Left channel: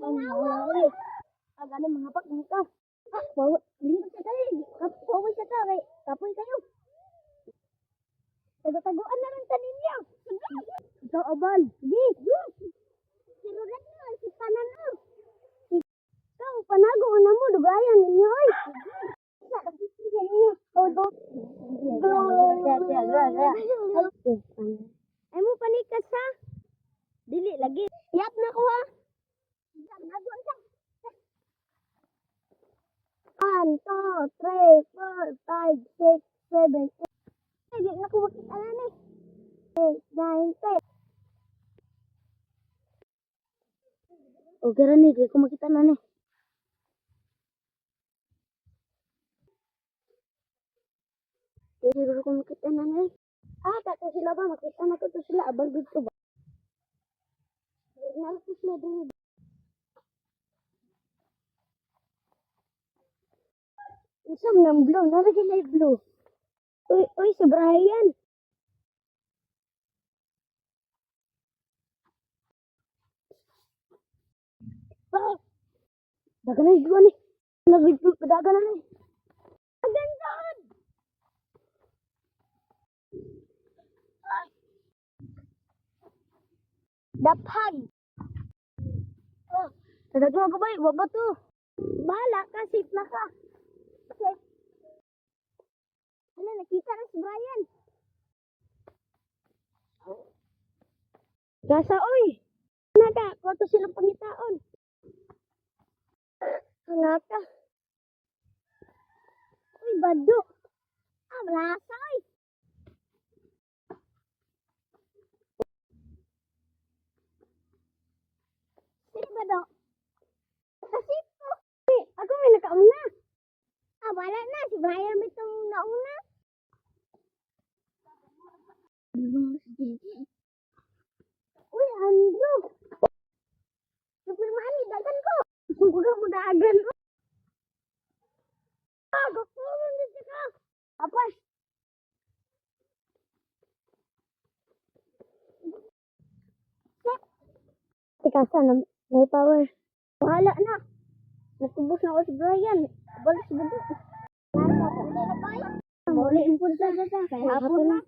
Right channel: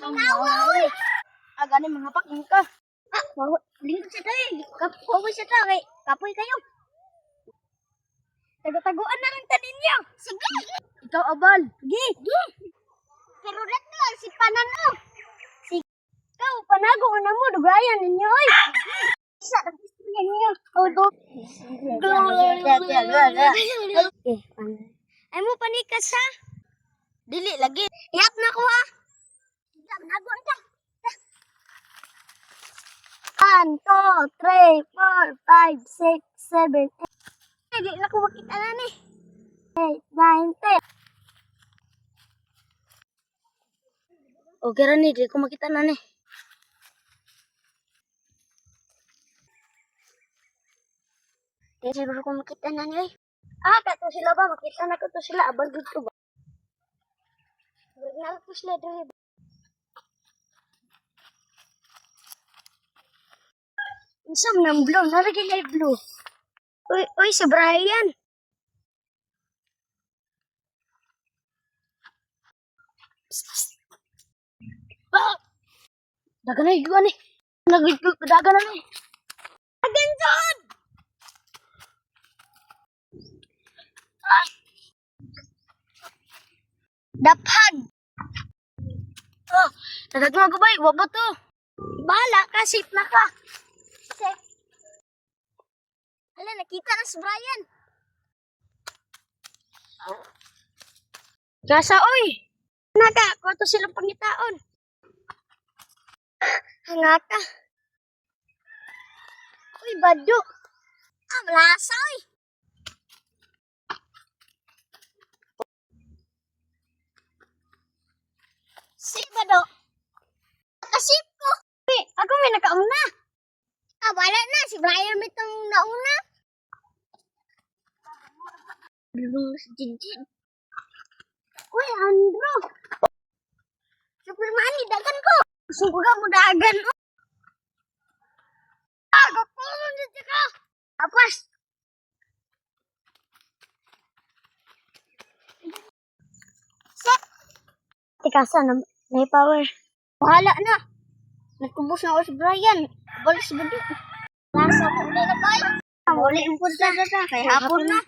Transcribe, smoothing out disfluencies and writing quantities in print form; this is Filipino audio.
Nawa. Agani mga paking ka. Lingkod siya tayo. Kapoy siya tayo. Kapoy kayo. Tago-taguan na rin tanin niyo. Sige. Ikaw, Abal. Sige. Pero rin lang, si Panano. Sige. Ikaw, panago na mo. Dugayan ninyo, oy. Isa, nag-istorya niyo. Ay mo panikas, ha? Dili, lagi. Iyap na ko, ha? Naguan ka. 1, 2, 3, 4, 5, 6, 7, 8. Hindi na ko makita na ni. 8, 9, 10. Okay ra ni, di ko makita na ni. Di siguro ko makita na ni. Kato sila ba? Makita na ko to sila. Abal dito ba? Wala ko sila dito. Isang ng blue. Narigin na yung blue. Uy, si Brian. Dagan na yung gani. Dagan na ni. Dagan dyan! Daphag. Nadagma ko ba? Waba to. Bahala ka. Safe na ka. Safe. Hala, nakita na si Brian. Gasa, oy. Naga, kung ito silang pangitaon. Hangata. Uy, bado. Malasa, oy. Si bado. Kasip ko. Uy, ako may nakauna. Wala na. Si Brian may itong nauna. Bilong si Jinjin. Uy, Andrew. Superman, dagan ko. Gusto ko ka mo dagan. Gapulong dito ka. Tapos. Set. Tikasa na may power. Bahala na. Nagkubos na ako si Brian. Balis ba dito? Nasa ko na ba? Muli ang punta na kaya hapon na.